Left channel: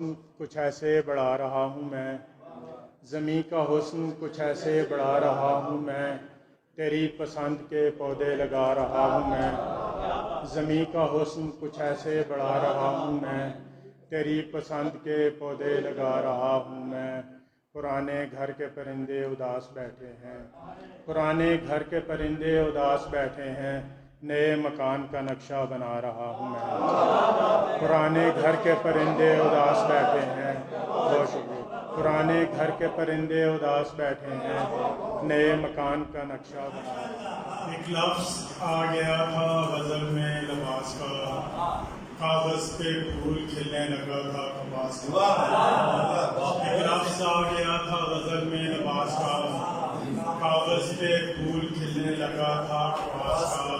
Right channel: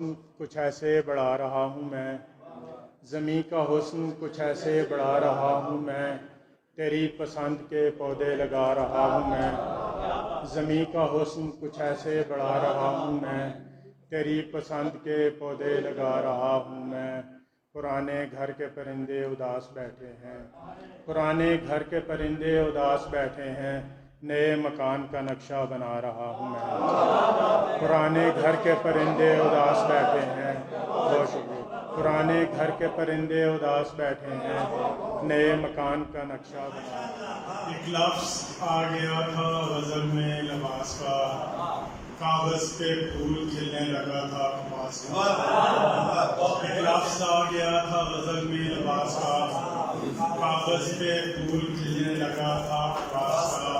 کچھ ایسے بڑھا رہا ہوں میں، زمیں کا حسن کچھ ایسے بڑھا رہا ہوں میں، تیری پسند کے پودے لگا رہا ہوں میں، زمیں کا حسن کچھ ایسے بڑھا رہا ہوں میں، تیری پسند کے پودے لگا رہا ہوں میں۔ پرانے گھر کے پرندے اداس بیٹھے ہیں، پرانے گھر کے پرندے اداس بیٹھے ہیں، نئے مکان کا نقشہ بنا رہا ہوں میں۔ پرانے گھر کے پرندے اداس بیٹھے ہیں، بہت شکریہ، پرانے گھر کے پرندے اداس بیٹھے ہیں، نئے مکان کا نقشہ بنا رہا ہوں۔ ایک لفظ آ گیا تھا غزل میں لباس کا، کاغذ پہ پھول کھلنے لگا تھا کپاس کا۔ ایک لفظ آ گیا تھا غزل میں لباس کا، کاغذ پہ پھول کھلنے لگا تھا کپاس کا۔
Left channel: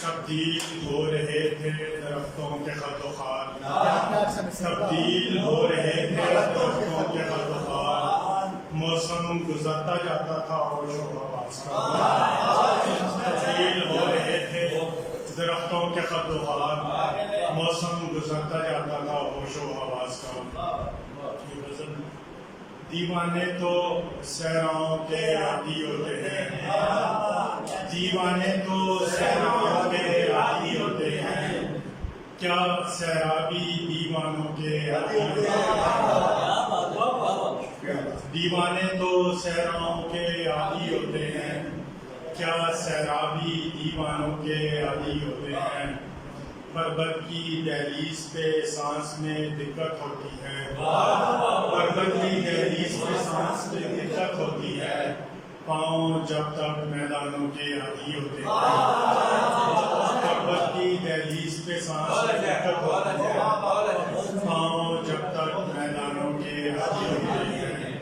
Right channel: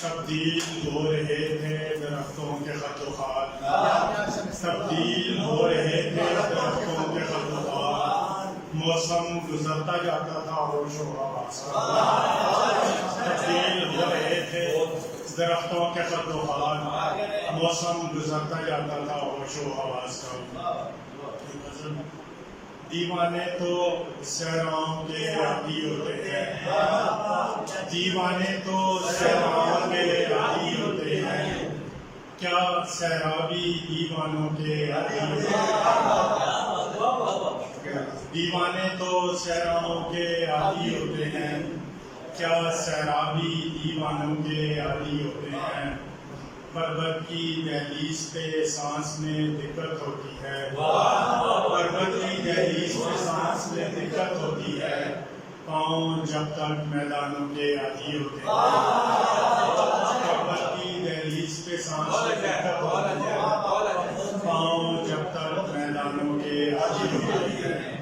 تبدیل ہو رہے تھے درختوں کے خط و خال، تبدیل ہو رہے تھے درختوں کے خط و خال، موسم گزرتا جاتا تھا ہوش و حواس کا۔ تبدیل ہو رہے تھے درختوں کے خط و خال، موسم گزرتا جاتا تھا ہوش و حواس کا۔ دیوانے تو صحراؤں کے عادی ہوتے ہیں، دیوانے تو صحراؤں کے عادی ہوتے ہیں، کیا سیرابی دیوانوں کے عادی ہوتے ہیں۔ دیوانے تو صحراؤں کے عادی ہوتے ہیں، کیا سیرابی دیوانوں کے عادی ہوتے ہیں۔ پربت کی دہلیز پہ سانس میں دقت ہوتی ہے، پربت کی دہلیز پہ سانس میں دقت ہوتی ہے، پاؤں جب تک میدانوں کے عادی ہوتے ہیں۔ پربت کی دہلیز پہ سانس میں دقت ہوتی ہے، پاؤں جب تک میدانوں کے عادی ہوتے ہیں۔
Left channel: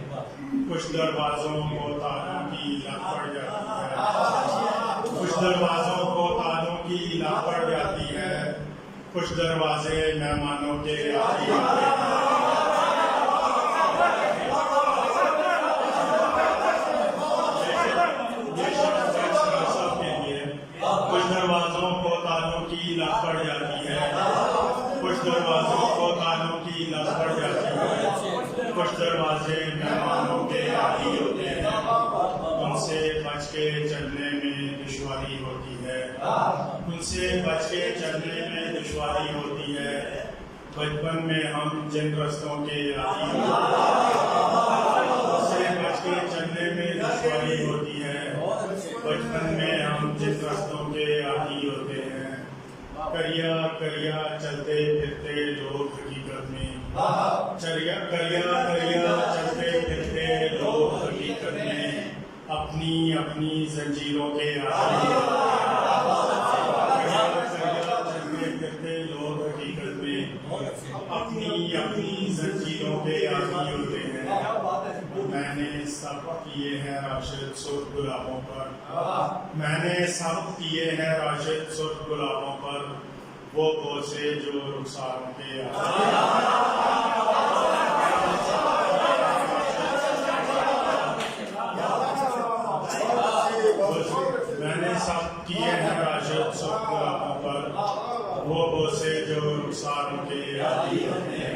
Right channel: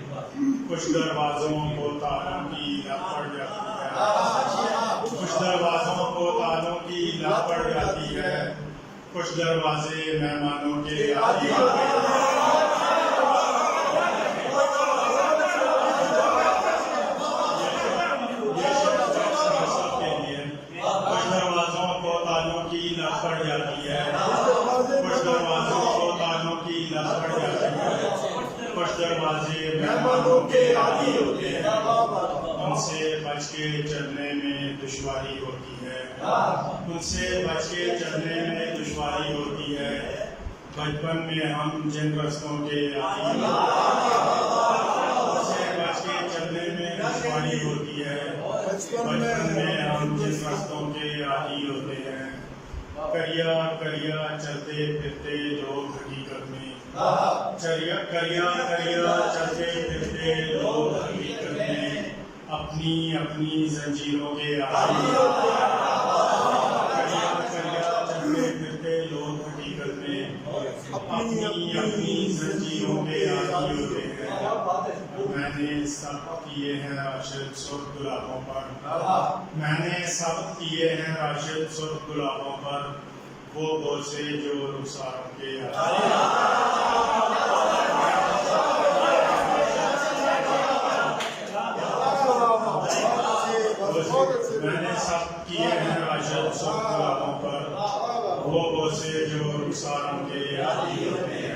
کچھ دروازوں کو تالوں کی لت پڑ جاتی ہے، کچھ دروازوں کو تالوں کی لت پڑ جاتی ہے، کچھ دروازے مہمانوں کے عادی ہوتے ہیں۔ کچھ دروازوں کو تالوں کی لت پڑ جاتی ہے، کچھ دروازوں کو تالوں کی لت پڑ جاتی ہے، کچھ دروازے مہمانوں کے عادی ہوتے ہیں۔ ان سے بچ کے چلنے میں دشواری ہوتی ہے، ان سے بچ کے چلنے میں دشواری ہوتی ہے، بچپن میں ہم جن رستوں کے عادی ہوتے ہیں۔ ان سے بچ کے چلنے میں دشواری ہوتی ہے، بچپن میں ہم جن رستوں کے عادی ہوتے ہیں۔ کریا کریا چلتے پھرتے لوگ حقیقت میں، کریا کریا چلتے پھرتے لوگ حقیقت میں، اپنی اپنی زنجیروں کے عادی ہوتے ہیں۔ کریا کریا چلتے پھرتے لوگ حقیقت میں، اپنی اپنی زنجیروں کے عادی ہوتے ہیں۔ میں نے سب کیے ہیں راشد سرخ گلابوں پر، میں نے سب کیے ہیں راشد سرخ گلابوں پر، وہ بوسے جو رخساروں کے عادی میں نے سب کیے ہیں راشد سرخ گلابوں پر، وہ بوسے جو رخساروں کے عادی ہوتے ہیں۔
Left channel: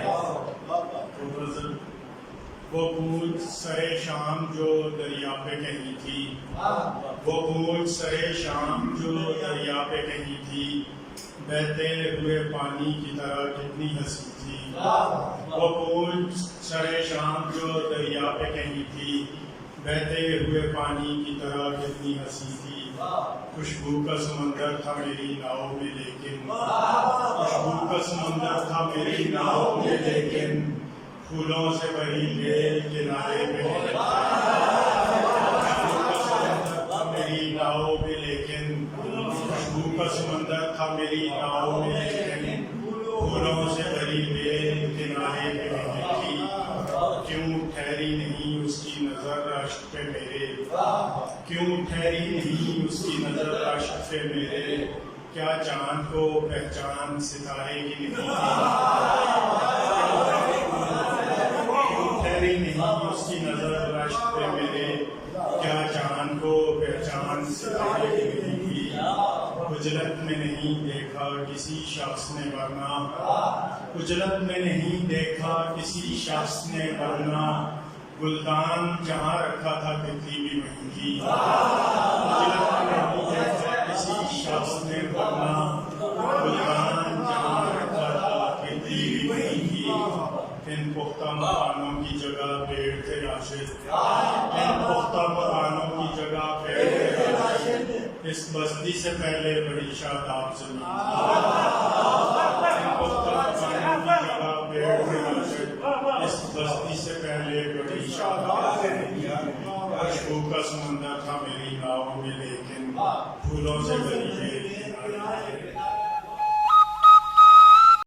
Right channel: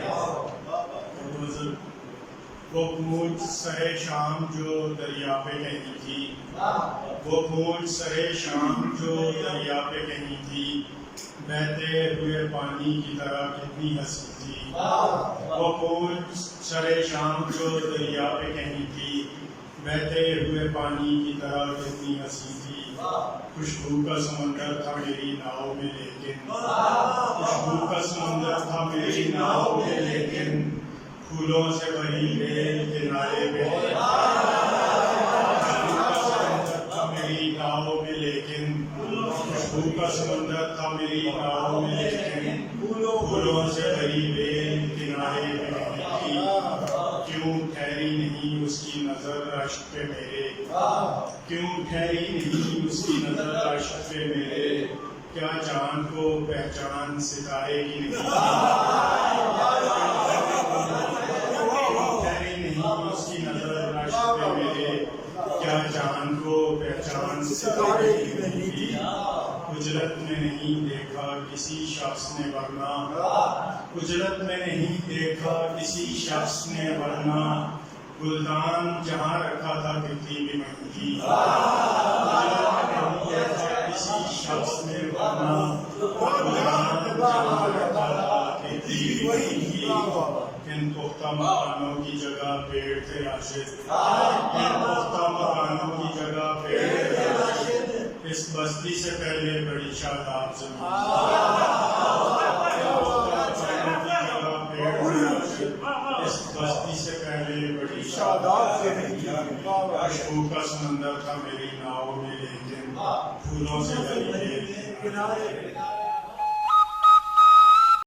وہ گونج سرے شام جو دریا پہ کہیں تھی، وہ گونج سرے شام جو دریا پہ کہیں تھی، بہتے ہوئے پانی کی طرح کتنی ہنسی تھی۔ وہ گونج سرے شام جو دریا پہ کہیں تھی، بہتے ہوئے پانی کی طرح کتنی ہنسی تھی۔ خوشبو کا سمندر تھا میری ناؤ میں لیکن، خوشبو کا سمندر تھا میری ناؤ میں لیکن، پھولوں سے بھری بیل کنارے پہ، خوشبو کا سمندر تھا میری ناؤ میں لیکن، خوشبو کا سمندر تھا میری ناؤ میں لیکن، پھولوں سے بھری بیل کنارے پہ نہیں تھی۔ کیوں ٹھہری نہیں اس کی نظر اشک پہ میرے، کیوں ٹھہری نہیں اس کی نظر اشک پہ میرے، کیا چاند کو پہچان ستارے کی نہیں تھی۔ اس کی نظر اشک پہ میرے، کیا چاند کو پہچان ستارے کی نہیں تھی۔ خجلت میں نہیں دیکھا کسی شخص نے ورنہ، اجلت میں نہیں دیکھا کسی شخص نے ورنہ گلدان جہاں رکھا تھا تتلی بھی وہیں تھی اجلت میں نہیں دیکھا کسی شخص نے ورنہ گلدان جہاں رکھا تھا تتلی بھی وہیں تھی ان پختہ مکانوں کی جگہ پیڑ تھے راشد ان پختہ مکانوں کی جگہ پیڑ تھے راشد اس بستی سے پہلے بڑی شاداب زمین ان پختہ مکانوں کی جگہ پیڑ تھے راشد اس بستی سے پہلے بڑی شاداب زمین اشکوں کا سمندر تھا میری ناؤ میں لیکن پھولوں سے بھری ہے